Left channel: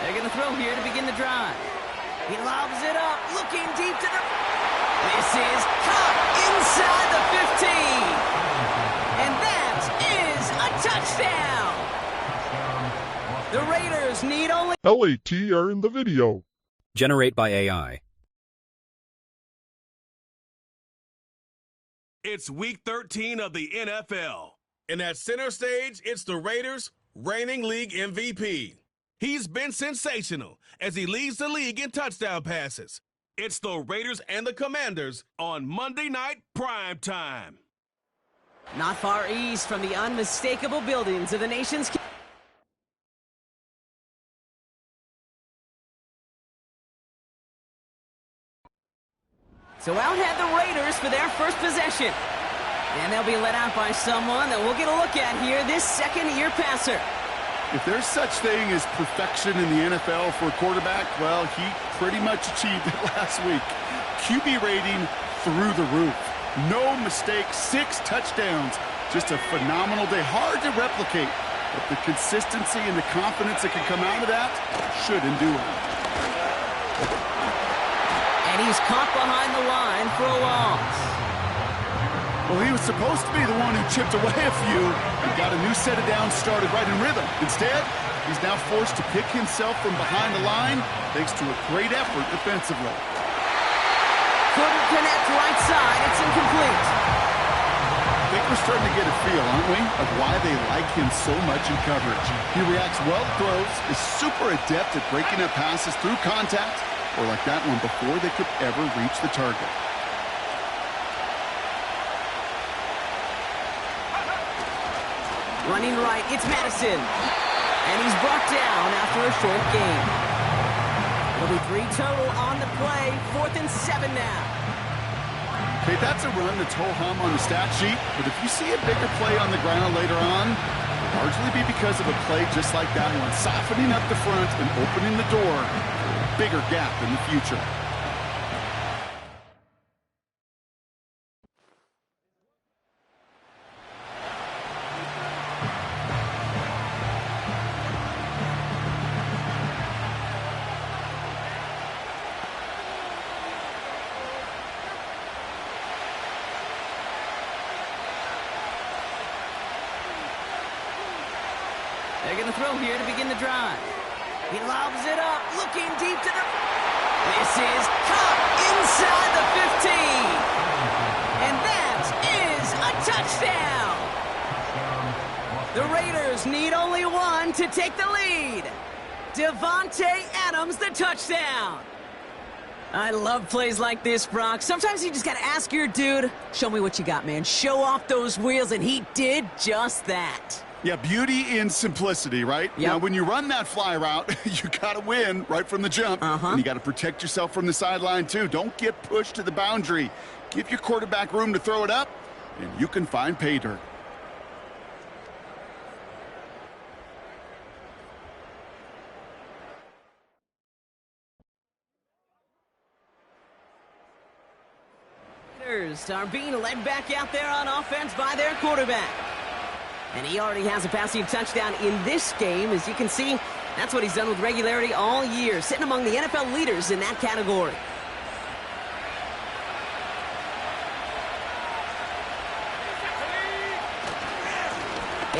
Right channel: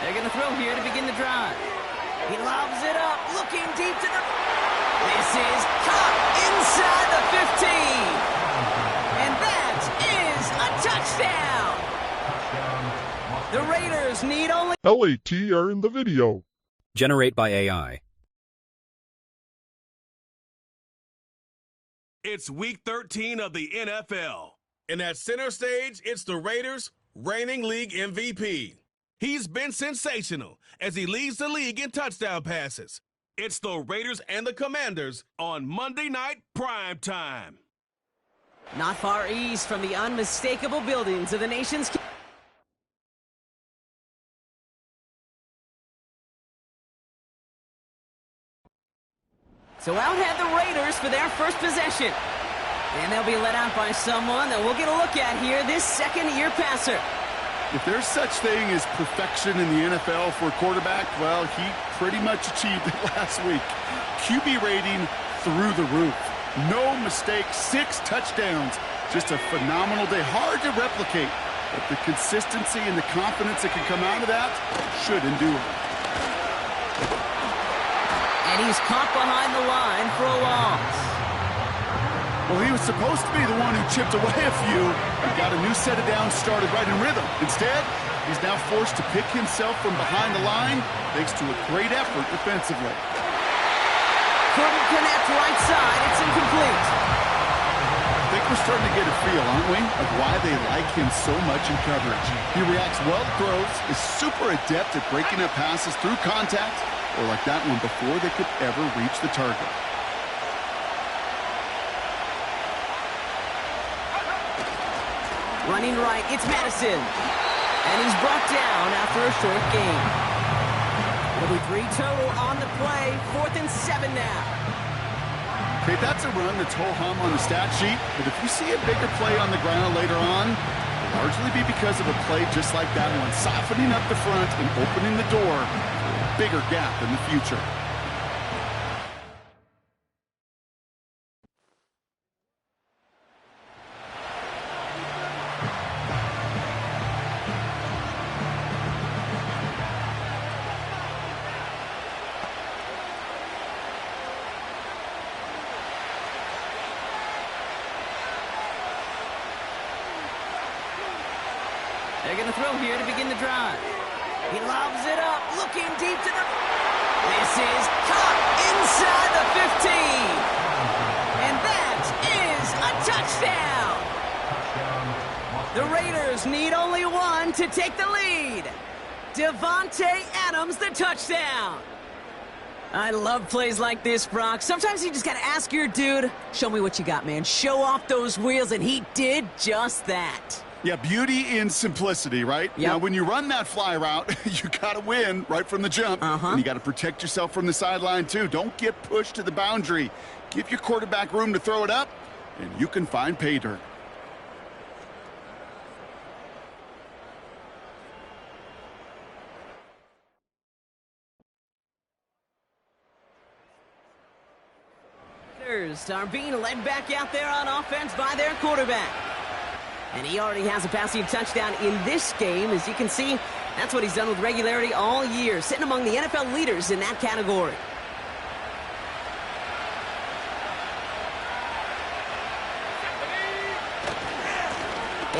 They're going to throw here to begin the drive. He lobs it up, looking deep to the... This is caught inside the 15. And that is a touchdown. The Raiders need only... LAT are in the video. Generate by AI. It's week 13 of the NFL. And at center stage, it's the Raiders' reigning league MVP. He's been sensational as he leads the league in touchdown passes. It's the Raiders and the Commanders on Monday Night Prime Time. Not far east from the unmistakable buildings of the nation's... So out head the Raiders for their first possession. And they'll be let out by someone that we'll get a look at here, this second-year passer. If there's such thing as perfection in the NFL for a quarterback, well, he pretty much achieved it last week. QB rating through the roof. No mistakes, 6 touchdowns. Just a phenomenal day. Hard to replicate, but the consistency and the confidence that can come out of that should endure. And he's caught behind the line for a loss. Well, he was supposed to be the one who chipped away a few and got a new set of downs started right in rhythm. Instead, he's now forced to pick himself from behind the line thanks to a great effort defensively. Couldn't connect right side. It's incomplete. I think we're starting to get a feel, aren't we, of why they like him so much in coverage. He reacts well to throws, is super adept at breaking up passes through contact, or like that one before they could ever reach the target. Running right, it's Madison. And he's brought down after a short gain. It'll be 3 total on the play. 4th and 7 now. Okay, that's a run that's ho-hum on the stat sheet, but if you see a bigger play on the ground later on, it'll largely be because of a play just like that one, softening up the front and opening the door for a bigger gap in the future. They're going to throw here to begin the drive. He lobs it up, looking deep to the... This is caught inside the 15. And that is a touchdown. The Raiders need only one to take the lead. Devontae Adams, the touchdown. I love plays like this, Brock. Sometimes you just got to ask your dude, show me what you got, man. Show off those wheels, and he did just that. Yeah, beauty in simplicity, right? Yep. Now, when you run that fly route, you got to win right from the jump. And you got to protect yourself from the sideline, too. Don't get pushed to the boundary. Give your quarterback room to throw it up, and you can find pay dirt. Raiders are being led back out there on offense by their quarterback. And he already has a passing touchdown in this game. As you can see, that's what he's done with regularity all year, sitting among the NFL leaders in that category.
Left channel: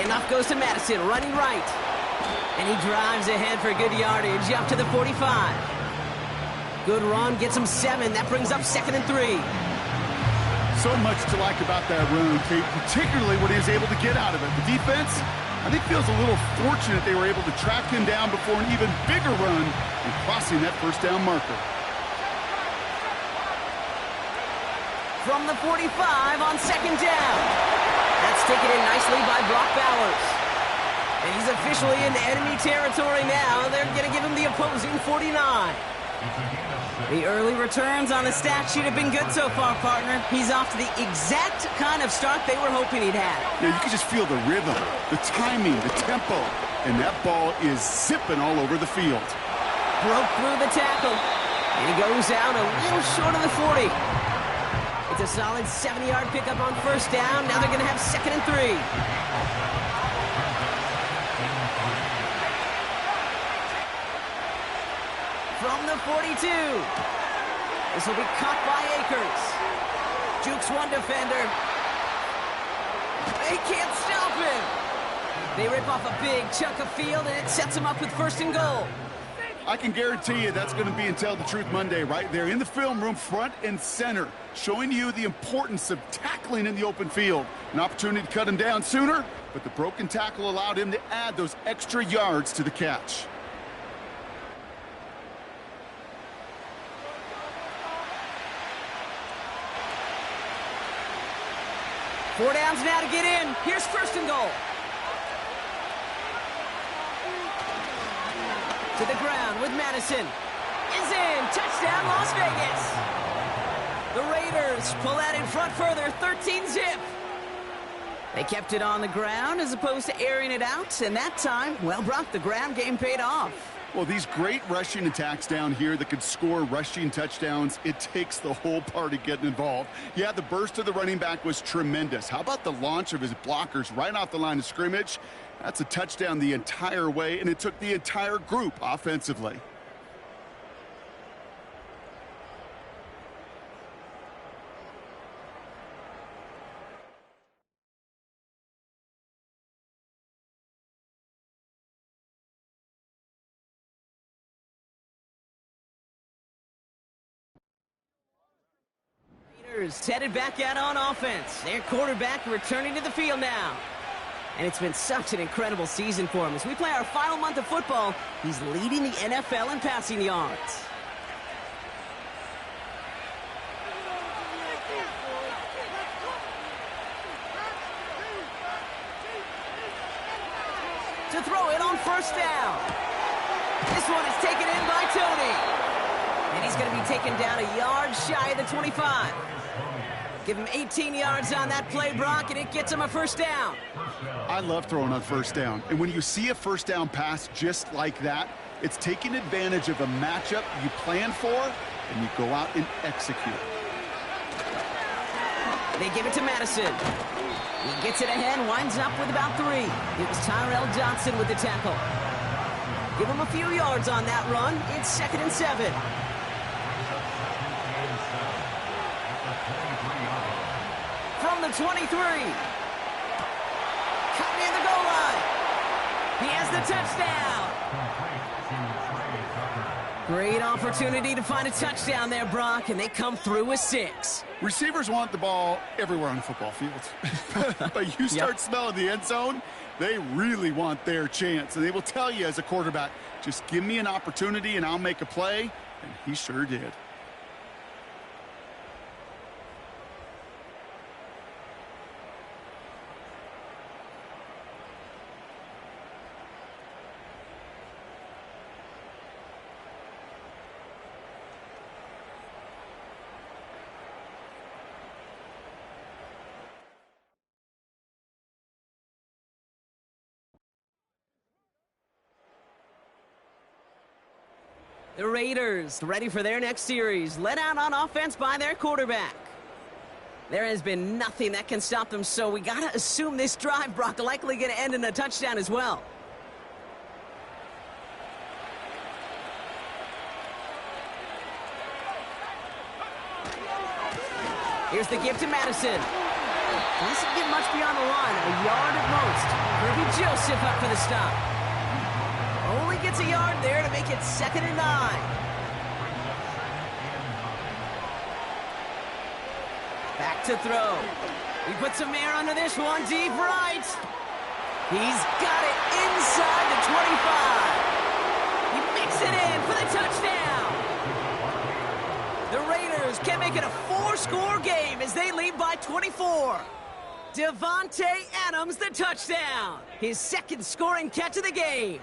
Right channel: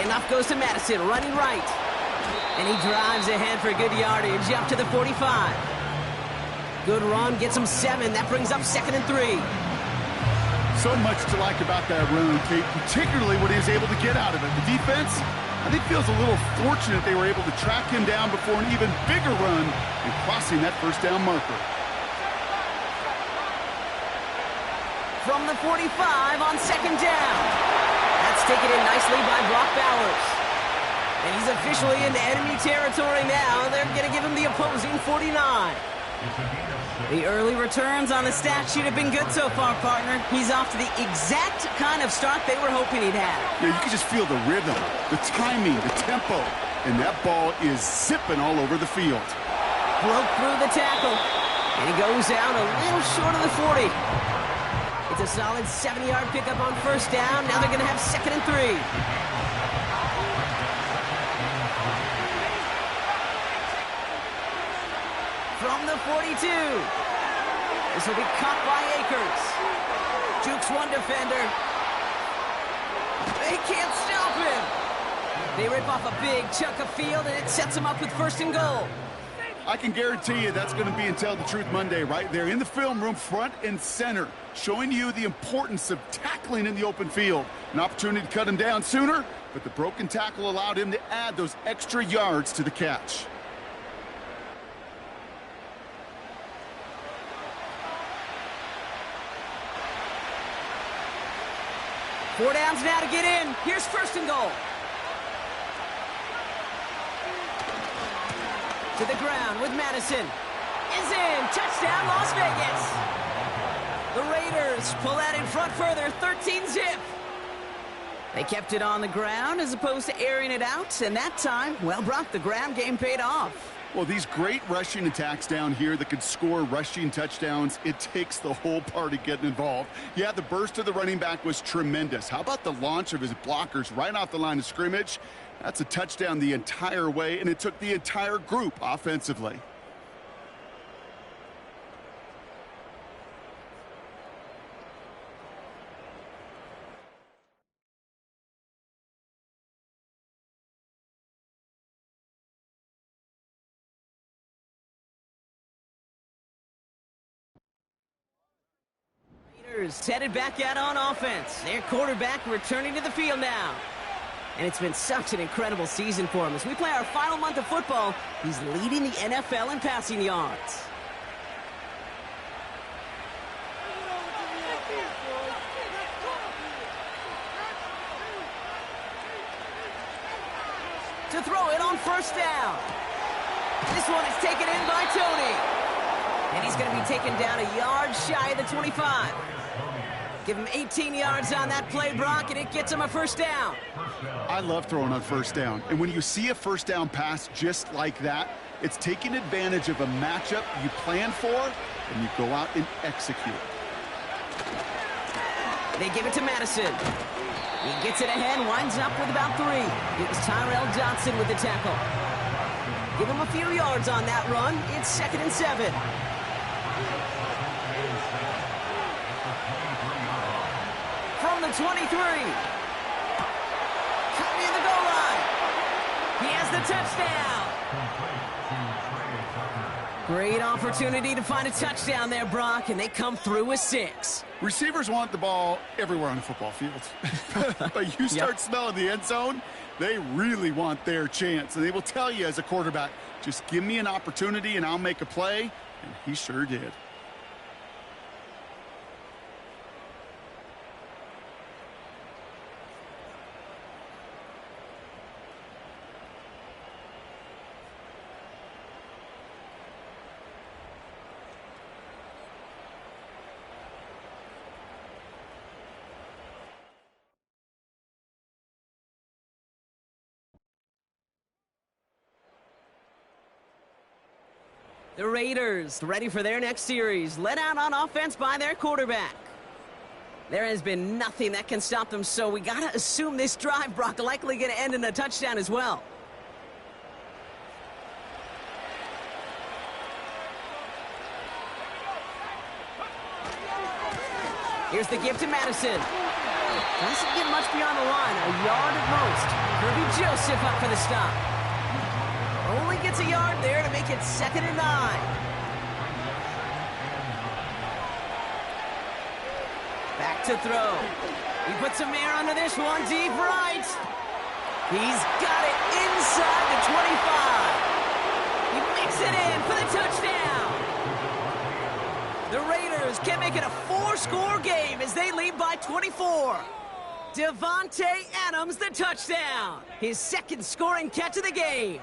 Enough goes to Madison, running right. And he drives ahead for good yardage up to the 45. Good run, gets him 7. That brings up 2nd and 3. So much to like about that run, Kate, particularly what he was able to get out of it. The defense, I think, feels a little fortunate they were able to track him down before an even bigger run and crossing that first down marker. From the 45 on 2nd down. That's taken in nicely by Brock Bowers. And he's officially into enemy territory now. They're going to give him the opposing 49. The early returns on the stat sheet have been good so far, partner. He's off to the exact kind of start they were hoping he'd have. Yeah, you can just feel the rhythm, the timing, the tempo, and that ball is zipping all over the field. Broke through the tackle, and he goes out a little short of the 40. It's a solid 70-yard pickup on 1st down. Now they're going to have 2nd and 3. From the 42. This will be caught by Akers. Jukes one defender. They can't stop him. They rip off a big chunk of field, and it sets them up with 1st and goal. I can guarantee you that's going to be in Tell the Truth Monday right there in the film room, front and center, showing you the importance of tackling in the open field. An opportunity to cut him down sooner, but the broken tackle allowed him to add those extra yards to the catch. Four downs now to get in. Here's 1st and goal. To the ground with Madison. Is in. Touchdown, Las Vegas. The Raiders pull that in front further. 13-zip. They kept it on the ground as opposed to airing it out. And that time, well, Brock, the ground game paid off. Well, these great rushing attacks down here that could score rushing touchdowns, it takes the whole party getting involved. Yeah, the burst of the running back was tremendous. How about the launch of his blockers right off the line of scrimmage? That's a touchdown the entire way, and it took the entire group offensively. Headed back out on offense. Their quarterback returning to the field now. And it's been such an incredible season for him. As we play our final month of football, he's leading the NFL in passing yards. To throw it on 1st down. This one is taken in by Tony. And he's going to be taken down a yard shy of the 25. Give him 18 yards on that play, Brock, and it gets him a 1st down. I love throwing on 1st down. And when you see a 1st down pass just like that, it's taking advantage of a matchup you plan for, and you go out and execute. They give it to Madison. He gets it ahead, winds up with about 3. It was Tyrell Johnson with the tackle. Give him a few yards on that run. It's 2nd and 7. From the 23. Cut near the goal line. He has the touchdown. Great opportunity to find a touchdown there, Brock, and they come through with 6. Receivers want the ball everywhere on the football field. But you start smelling the end zone, they really want their chance. And they will tell you as a quarterback, just give me an opportunity and I'll make a play. And he sure did. The Raiders ready for their next series, led out on offense by their quarterback. There has been nothing that can stop them, so we got to assume this drive, Brock, likely going to end in a touchdown as well. Here's the give to Madison. Doesn't get much beyond the line, a yard at most. Kirby Joseph up for the stop. Only gets a yard there to make it 2nd and 9. Back to throw. He puts some air under this one, deep right. He's got it inside the 25. He makes it in for the touchdown. The Raiders can make it a 4-score game as they lead by 24. Devontae Adams, the touchdown. His 2nd scoring catch of the game.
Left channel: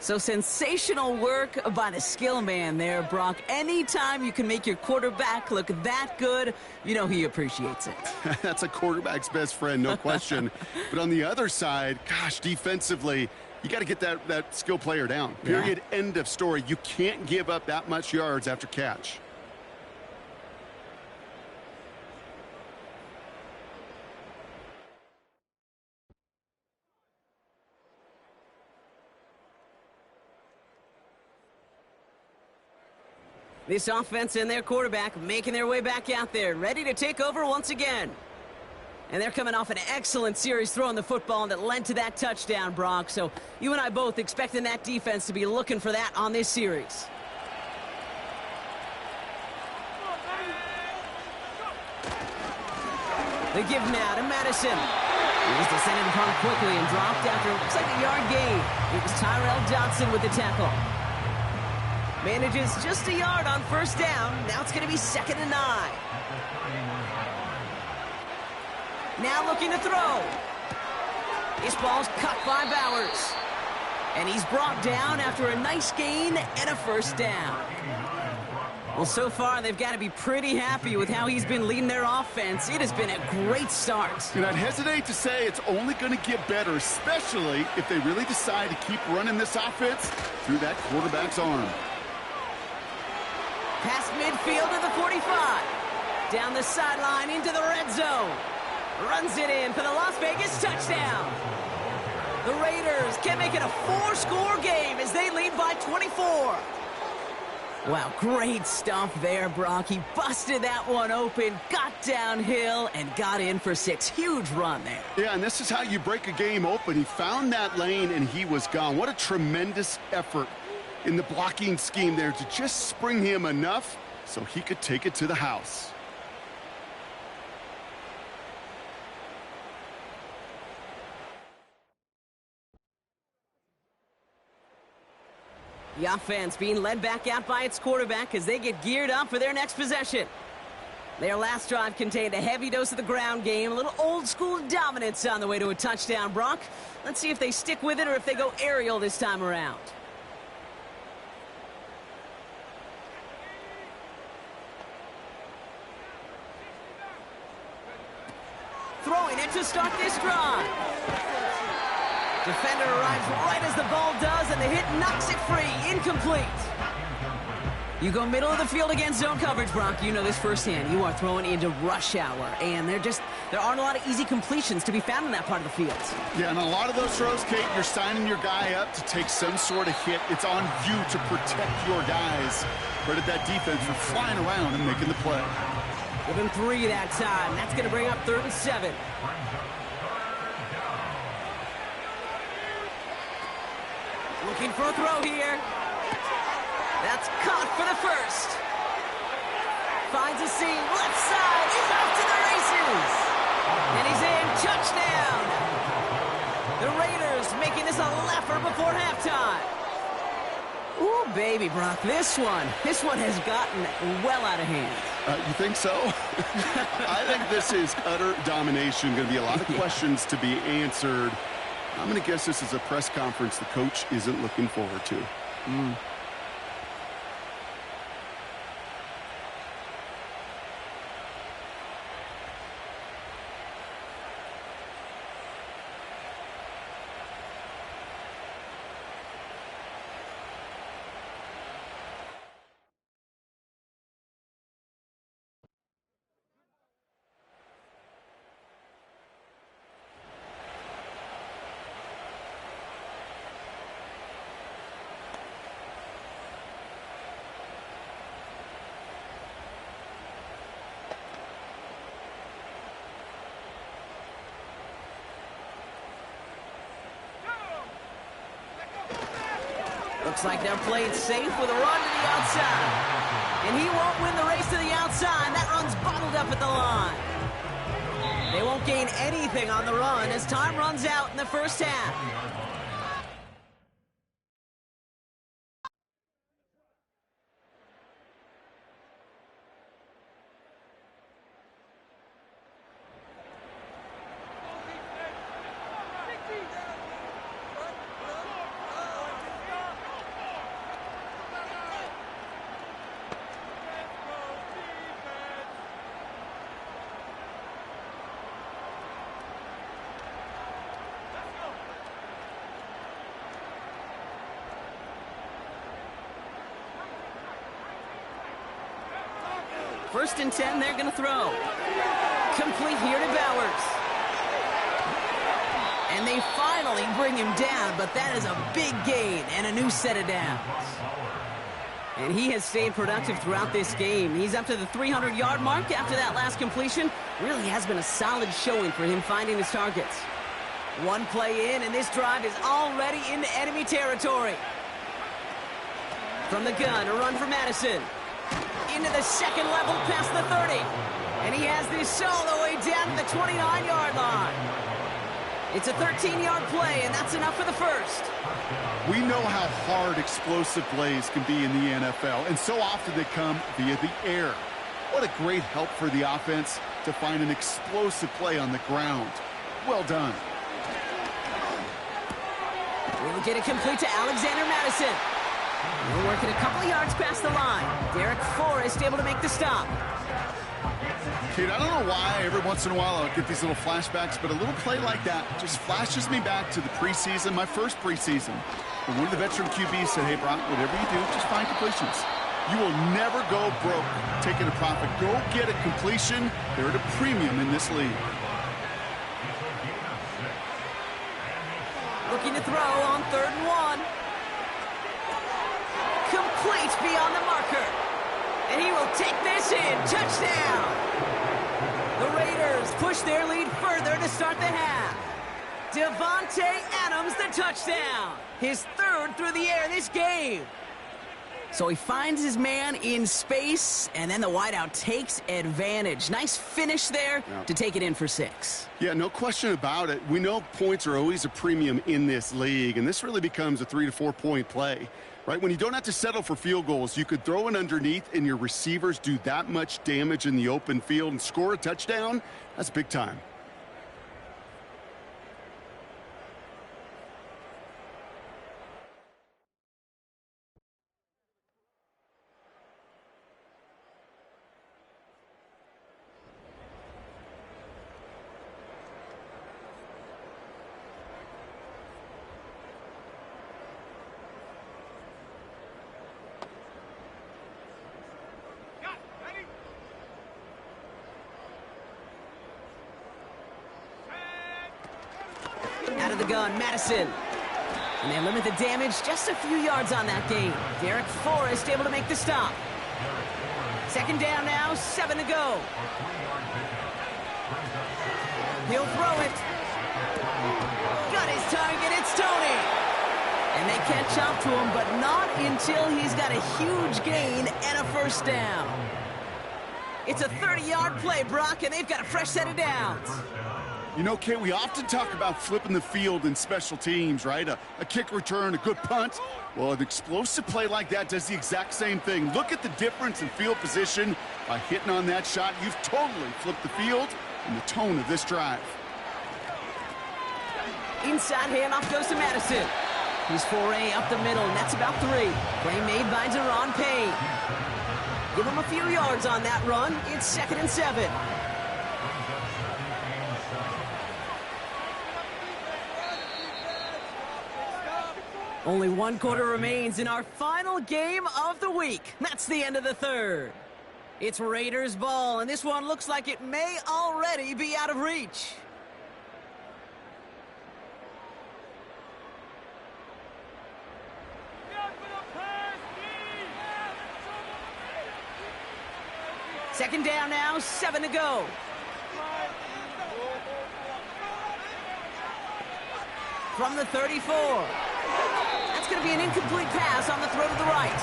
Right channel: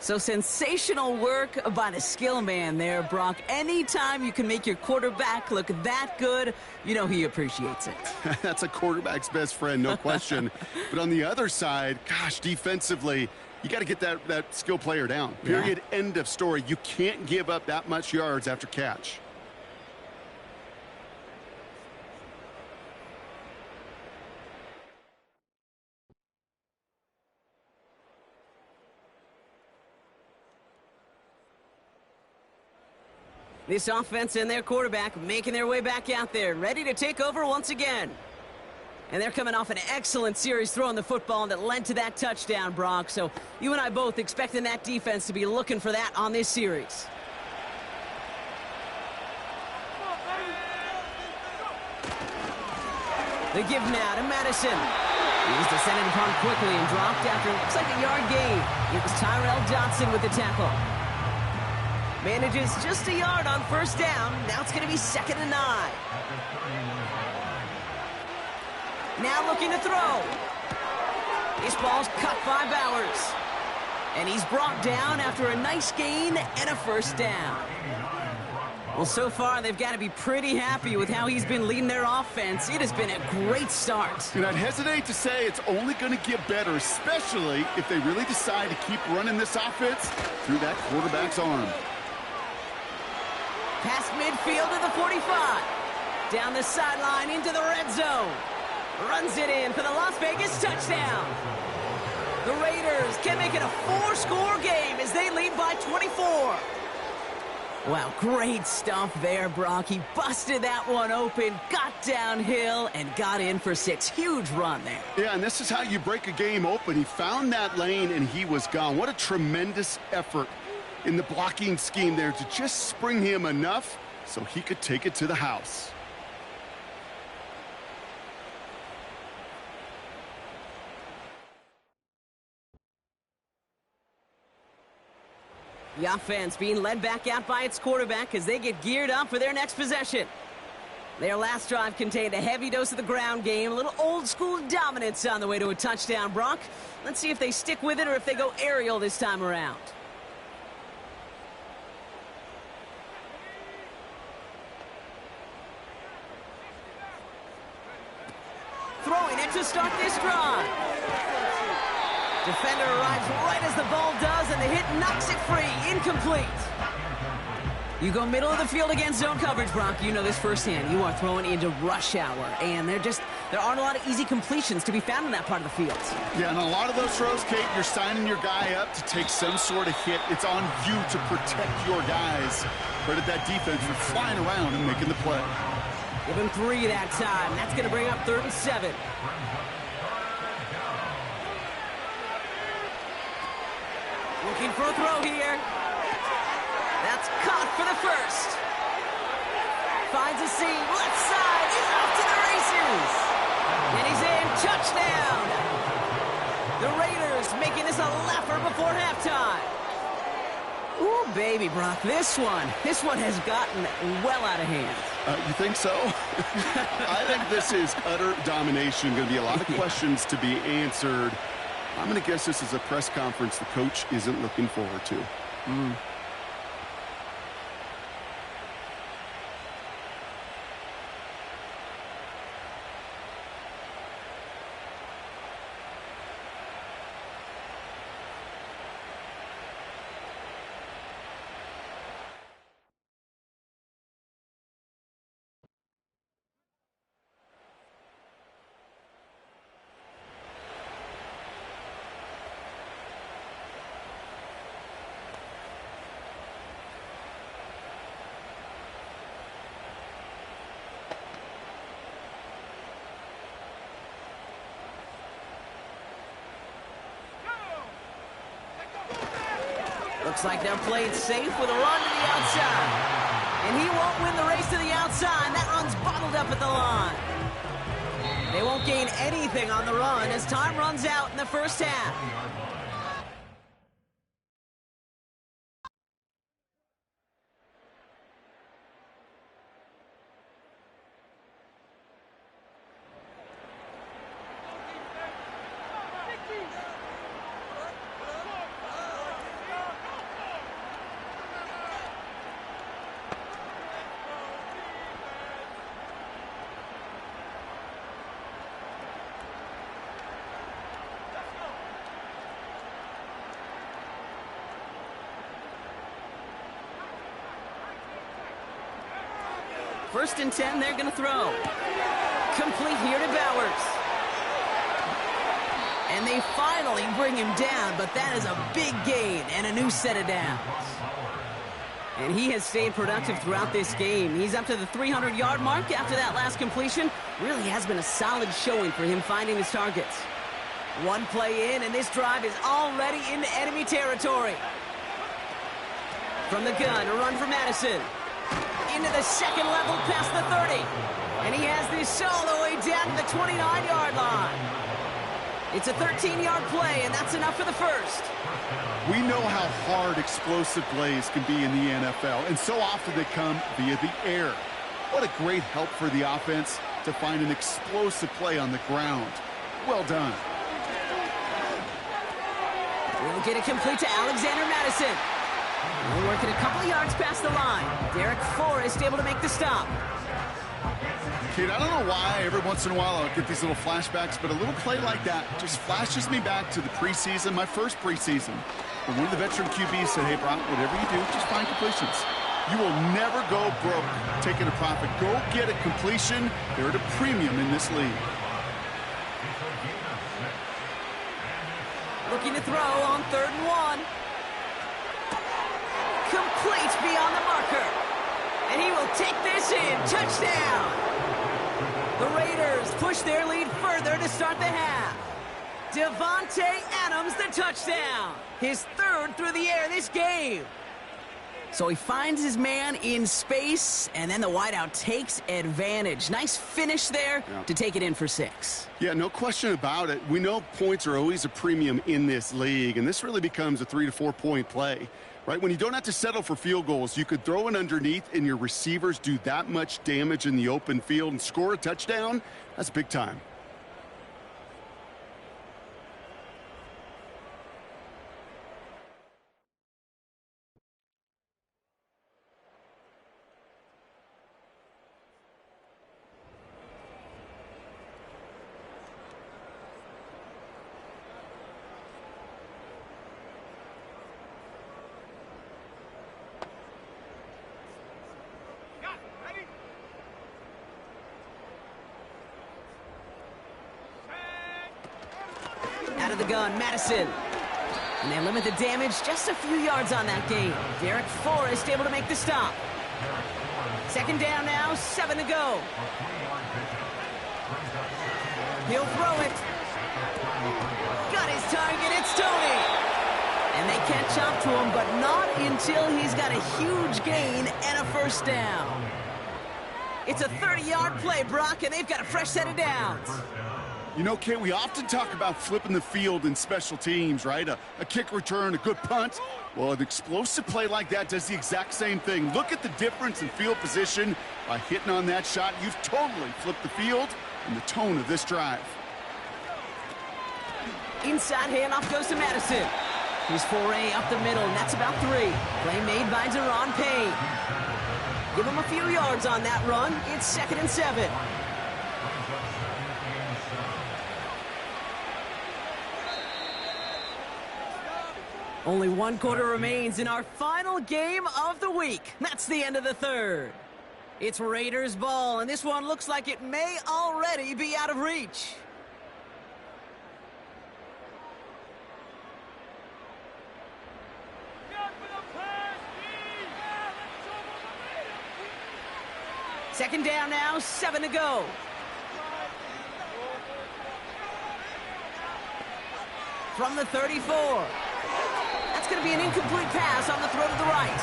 So sensational work by the skill man there, Brock. Anytime you can make your quarterback look that good, you know he appreciates it. That's a quarterback's best friend, no question. But on the other side, gosh, defensively, you got to get that skill player down. Period. Yeah. End of story. You can't give up that much yards after catch. This offense and their quarterback making their way back out there, ready to take over once again. And they're coming off an excellent series throwing the football that led to that touchdown, Brock. So you and I both expecting that defense to be looking for that on this series. They give now to Madison. He was descended upon quickly and dropped after, looks like a yard gain. It was Tyrell Johnson with the tackle. Manages just a yard on first down. Now it's going to be 2nd and 9. Now looking to throw. This ball's cut by Bowers. And he's brought down after a nice gain and a first down. Well, so far, they've got to be pretty happy with how he's been leading their offense. It has been a great start. And I'd hesitate to say it's only going to get better, especially if they really decide to keep running this offense through that quarterback's arm. Past midfield to the 45. Down the sideline into the red zone. Runs it in for the Las Vegas touchdown. The Raiders can make it a 4-score game as they lead by 24. Wow, great stuff there, Brock. He busted that one open, got downhill, and got in for 6. Huge run there. Yeah, and this is how you break a game open. He found that lane, and he was gone. What a tremendous effort in the blocking scheme there to just spring him enough so he could take it to the house. The offense being led back out by its quarterback as they get geared up for their next possession. Their last drive contained a heavy dose of the ground game, a little old-school dominance on the way to a touchdown, Brock. Let's see if they stick with it or if they go aerial this time around. Throwing it to start this drive. Defender arrives right as the ball does, and the hit knocks it free. Incomplete. You go middle of the field against zone coverage, Brock. You know this firsthand. You are throwing into rush hour, and there aren't a lot of easy completions to be found in that part of the field. Yeah, and a lot of those throws, Kate, you're signing your guy up to take some sort of hit. It's on you to protect your guys. Credit that defense for flying around and making the play. Give him 3 that time. That's going to bring up 3rd and 7. Looking for a throw here. That's caught for the first. Finds a seam. Left side. He's off to the races. And he's in. Touchdown. The Raiders making this a laugher before halftime. Ooh, baby, Brock. This one has gotten well out of hand. You think so? I think this is utter domination. Going to be a lot of questions to be answered. I'm going to guess this is a press conference the coach isn't looking forward to. Looks like they're playing safe with a run to the outside. And he won't win the race to the outside. That run's bottled up at the line. They won't gain anything on the run as time runs out in the first half. First and 10, they're going to throw. Complete here to Bowers. And they finally bring him down, but that is a big gain and a new set of downs. And he has stayed productive throughout this game. He's up to the 300-yard mark after that last completion. Really has been a solid showing for him finding his targets. One play in, and this drive is already into enemy territory. From the gun, a run for Madison. Into the second level past the 30. And he has this all the way down to the 29-yard line. It's a 13-yard play, and that's enough for the first. We know how hard explosive plays can be in the NFL, and so often they come via the air. What a great help for the offense to find an explosive play on the ground. Well done. We'll get it complete to Alexander Madison. We'll work it a couple of yards past the line. Derek Forrest able to make the stop. Kid, I don't know why every once in a while I'll get these little flashbacks, but a little play like that just flashes me back to the preseason, my first preseason. When one of the veteran QBs said, hey, Brock, whatever you do, just find completions. You will never go broke taking a profit. Go get a completion. They're at a premium in this league. Looking to throw on 3rd and 1. Complete beyond the marker. And he will take this in. Touchdown. The Raiders push their lead further to start the half. Devontae Adams, the touchdown. His 3rd through the air this game. So he finds his man in space, and then the wideout takes advantage. Nice finish there to take it in for 6. Yeah, no question about it. We know points are always a premium in this league, and this really becomes a 3 to 4 point play. Right, when you don't have to settle for field goals, you could throw it underneath and your receivers do that much damage in the open field and score a touchdown. That's big time. Out of the gun, Madison. And they limit the damage just a few yards on that game. Derek Forrest able to make the stop. 2nd down now, 7 to go. He'll throw it. Got his target, it's Tony. And they catch up to him, but not until he's got a huge gain and a 1st down. It's a 30-yard play, Brock, and they've got a fresh set of downs. You know, Kate, we often talk about flipping the field in special teams, right? A kick return, a good punt. Well, an explosive play like that does the exact same thing. Look at the difference in field position. By hitting on that shot, you've totally flipped the field and the tone of this drive. Inside handoff goes to Madison. He's foray up the middle, and that's about 3. Play made by Deron Payne. Give him a few yards on that run. It's 2nd and 7. Only 1 quarter remains in our final game of the week. That's the end of the 3rd. It's Raiders ball, and this one looks like it may already be out of reach. Second down now, 7 to go. From the 34. That's going to be an incomplete pass on the throw to the right.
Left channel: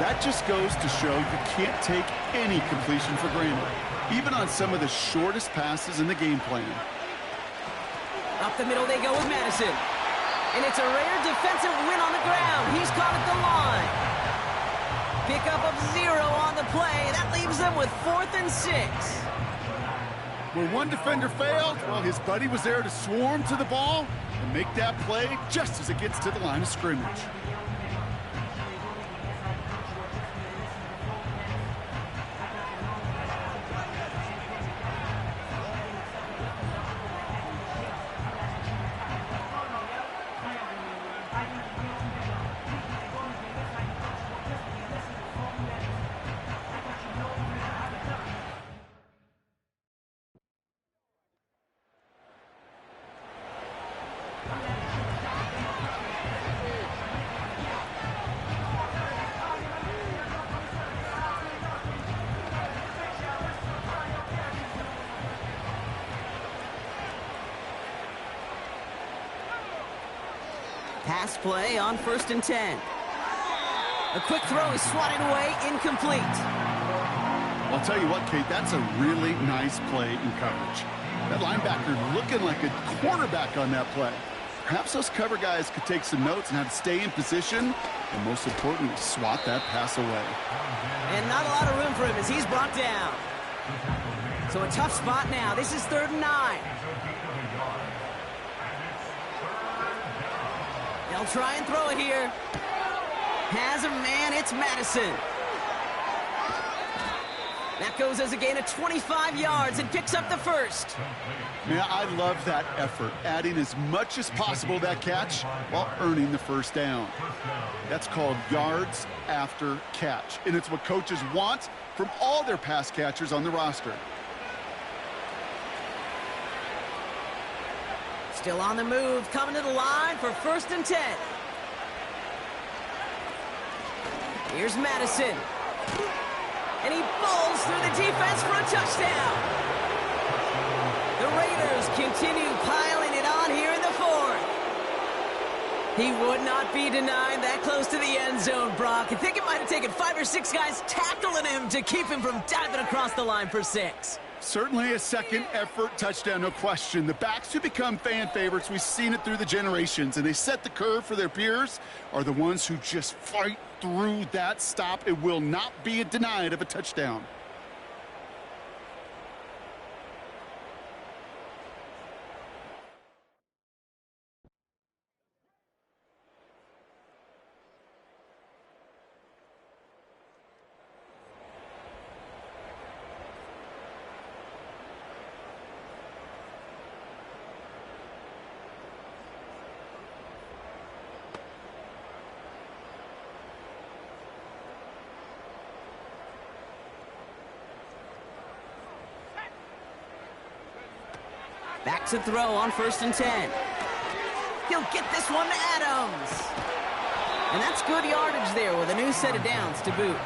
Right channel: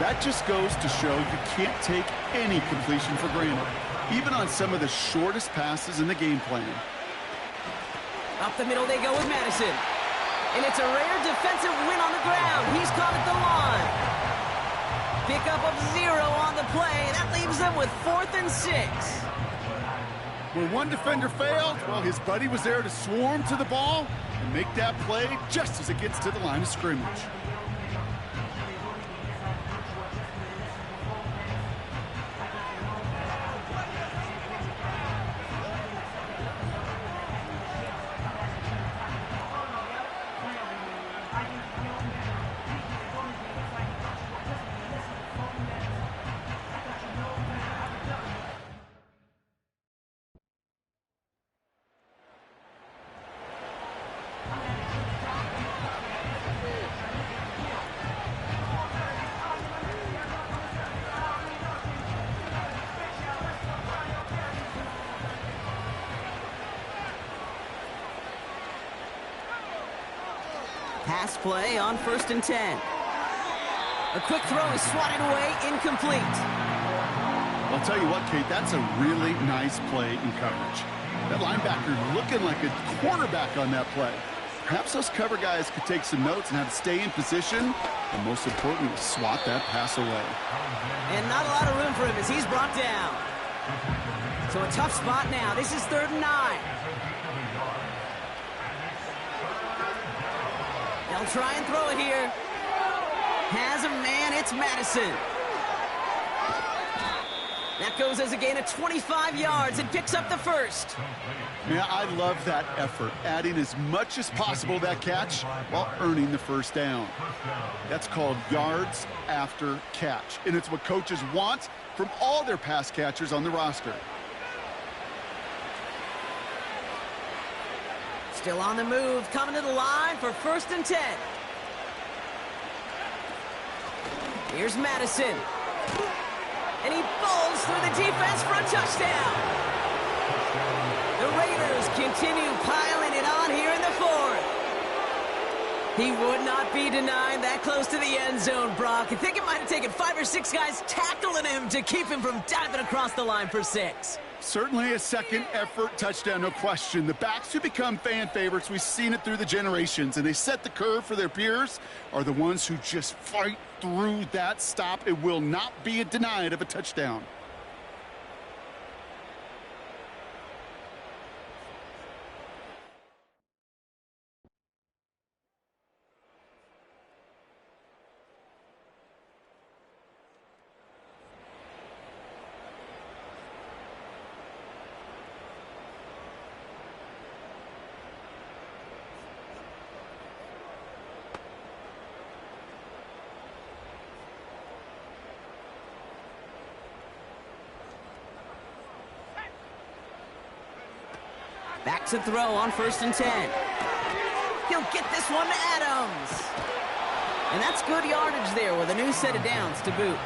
That just goes to show you can't take any completion for granted, even on some of the shortest passes in the game plan. Up the middle they go with Madison. And it's a rare defensive win on the ground. He's caught at the line. Pickup of 0 on the play. That leaves them with 4th and 6. Where one defender failed, well, his buddy was there to swarm to the ball and make that play just as it gets to the line of scrimmage. Pass play on 1st and 10. A quick throw is swatted away, incomplete. I'll tell you what, Kate, that's a really nice play in coverage. That linebacker looking like a quarterback on that play. Perhaps those cover guys could take some notes on how to stay in position and, most importantly, swat that pass away. And not a lot of room for him as he's brought down. So a tough spot now. This is 3rd and 9. They'll try and throw it here. Has a man, it's Madison. That goes as a gain of 25 yards and picks up the first. Yeah, I love that effort, adding as much as possible to that catch while earning the first down. That's called yards after catch, and it's what coaches want from all their pass catchers on the roster. Still on the move, coming to the line for 1st and 10. Here's Madison. And he bowls through the defense for a touchdown. The Raiders continue piling it on here in the 4th. He would not be denied that close to the end zone, Brock. I think it might have taken 5 or 6 guys tackling him to keep him from diving across the line for 6. Certainly a second effort touchdown, no question. The backs who become fan favorites, we've seen it through the generations, and they set the curve for their peers, are the ones who just fight through that stop. It will not be denied of a touchdown. Back to throw on 1st and 10. He'll get this one to Adams. And that's good yardage there with a new set of downs to boot.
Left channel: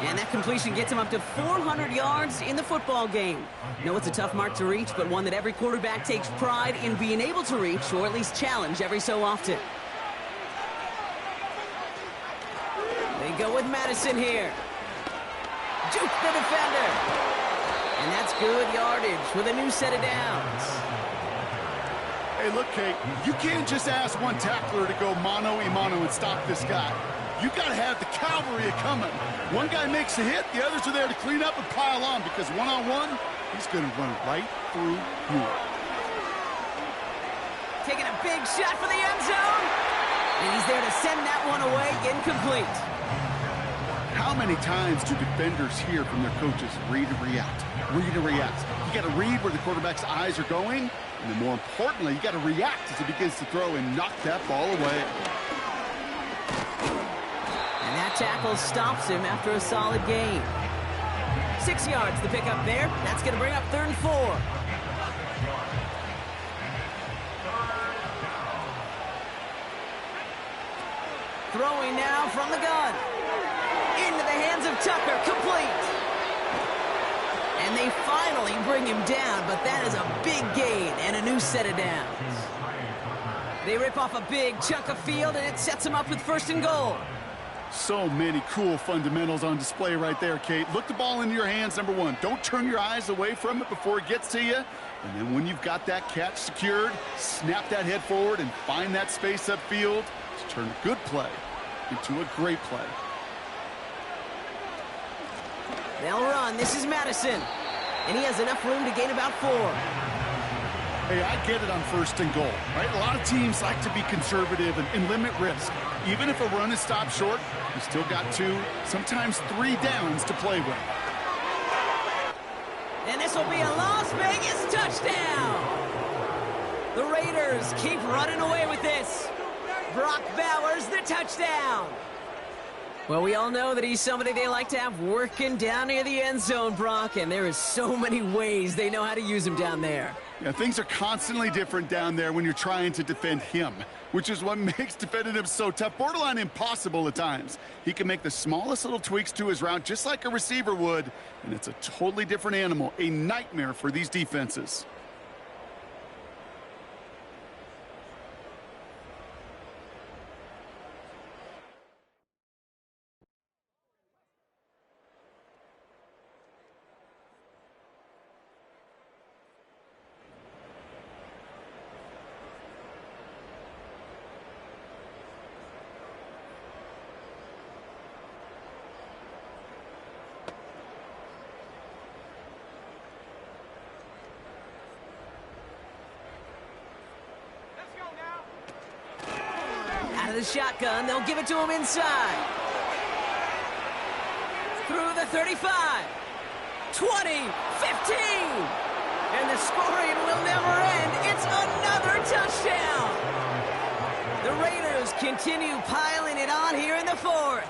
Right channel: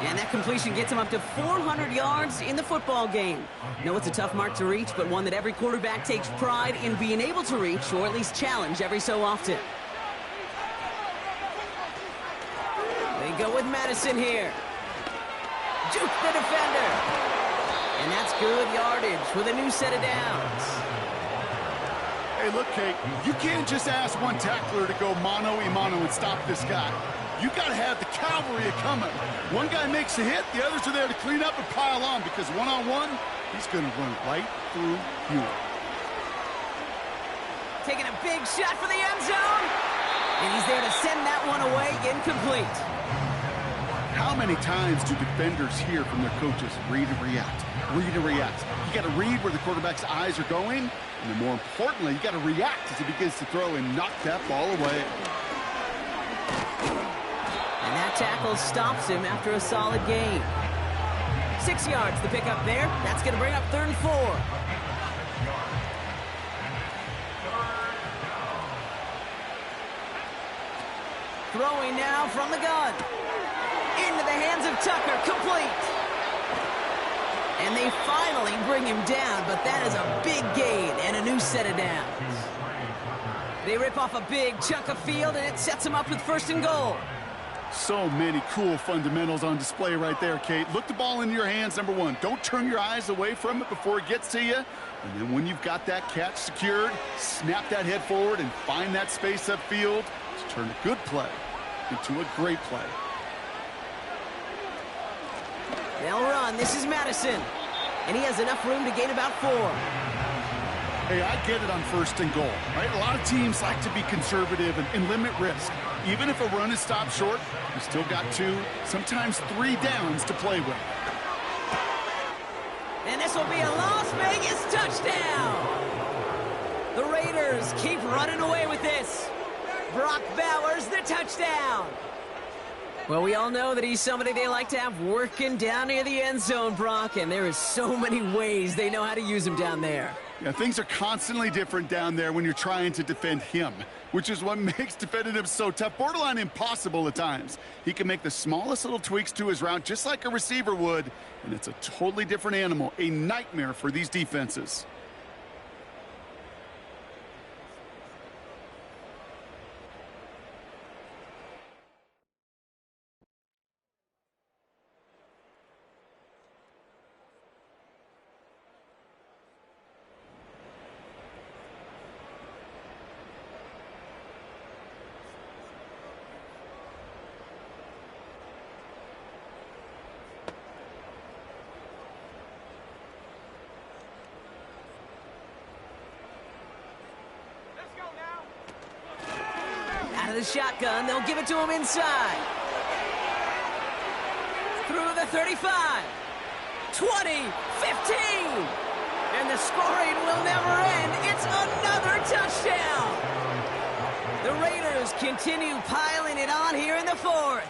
And that completion gets him up to 400 yards in the football game. No, it's a tough mark to reach, but one that every quarterback takes pride in being able to reach, or at least challenge every so often. They go with Madison here. Juke the defender. And that's good yardage with a new set of downs. Hey, look, Kate, you can't just ask one tackler to go mano-a-mano and stop this guy. You got to have the cavalry coming. One guy makes a hit, the others are there to clean up and pile on, because one-on-one, he's going to run right through you. Taking a big shot for the end zone. And he's there to send that one away, incomplete. How many times do defenders hear from their coaches, read and react, read and react? You got to read where the quarterback's eyes are going, and then more importantly, you got to react as he begins to throw and knock that ball away. And that tackle stops him after a solid gain. 6 yards the pickup there. That's going to bring up 3rd and 4. Throwing now from the gun. Into the hands of Tucker, complete. And they finally bring him down, but that is a big gain and a new set of downs. They rip off a big chunk of field, and it sets them up with 1st and goal. So many cool fundamentals on display right there, Kate. Look the ball into your hands, number one. Don't turn your eyes away from it before it gets to you. And then when you've got that catch secured, snap that head forward and find that space upfield to turn a good play into a great play. They'll run. This is Madison. And he has enough room to gain about 4. Hey, I get it on 1st and goal, right? A lot of teams like to be conservative and limit risk. Even if a run is stopped short, you still got 2, sometimes 3 downs to play with. And this will be a Las Vegas touchdown. The Raiders keep running away with this. Brock Bowers, the touchdown. Well, we all know that he's somebody they like to have working down near the end zone, Brock, and there is so many ways they know how to use him down there. Yeah, things are constantly different down there when you're trying to defend him, which is what makes defending him so tough, borderline impossible at times. He can make the smallest little tweaks to his route just like a receiver would, and it's a totally different animal, a nightmare for these defenses. the shotgun. They'll give it to him inside. Through the 35. 20. 15. And the scoring will never end. It's another touchdown. The Raiders continue piling it on here in the fourth.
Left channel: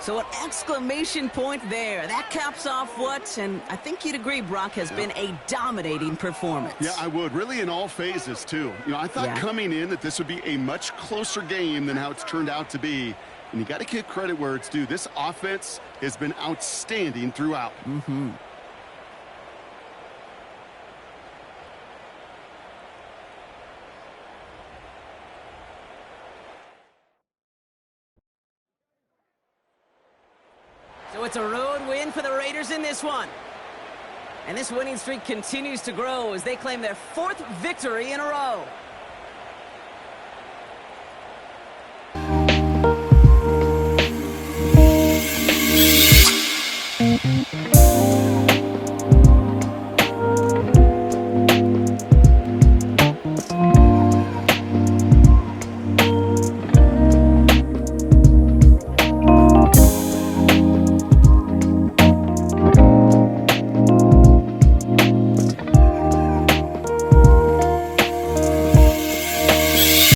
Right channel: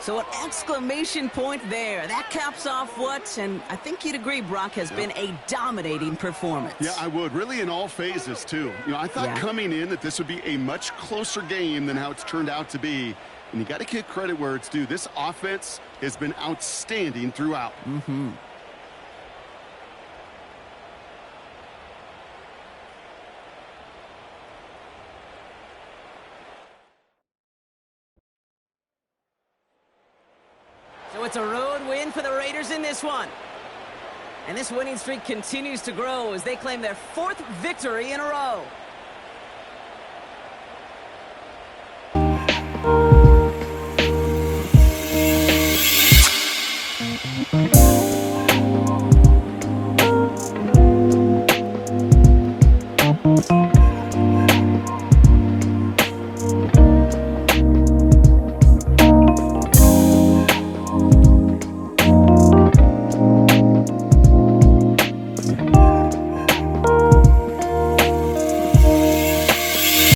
So an exclamation point there. That caps off what, and I think you'd agree, Brock, has been a dominating performance. Yeah, I would. Really in all phases, too. I thought coming in that this would be a much closer game than how it's turned out to be. And you got to give credit where it's due. This offense has been outstanding throughout. Mm-hmm. So it's a road win for the Raiders in this one. And this winning streak continues to grow as they claim their 4th victory in a row.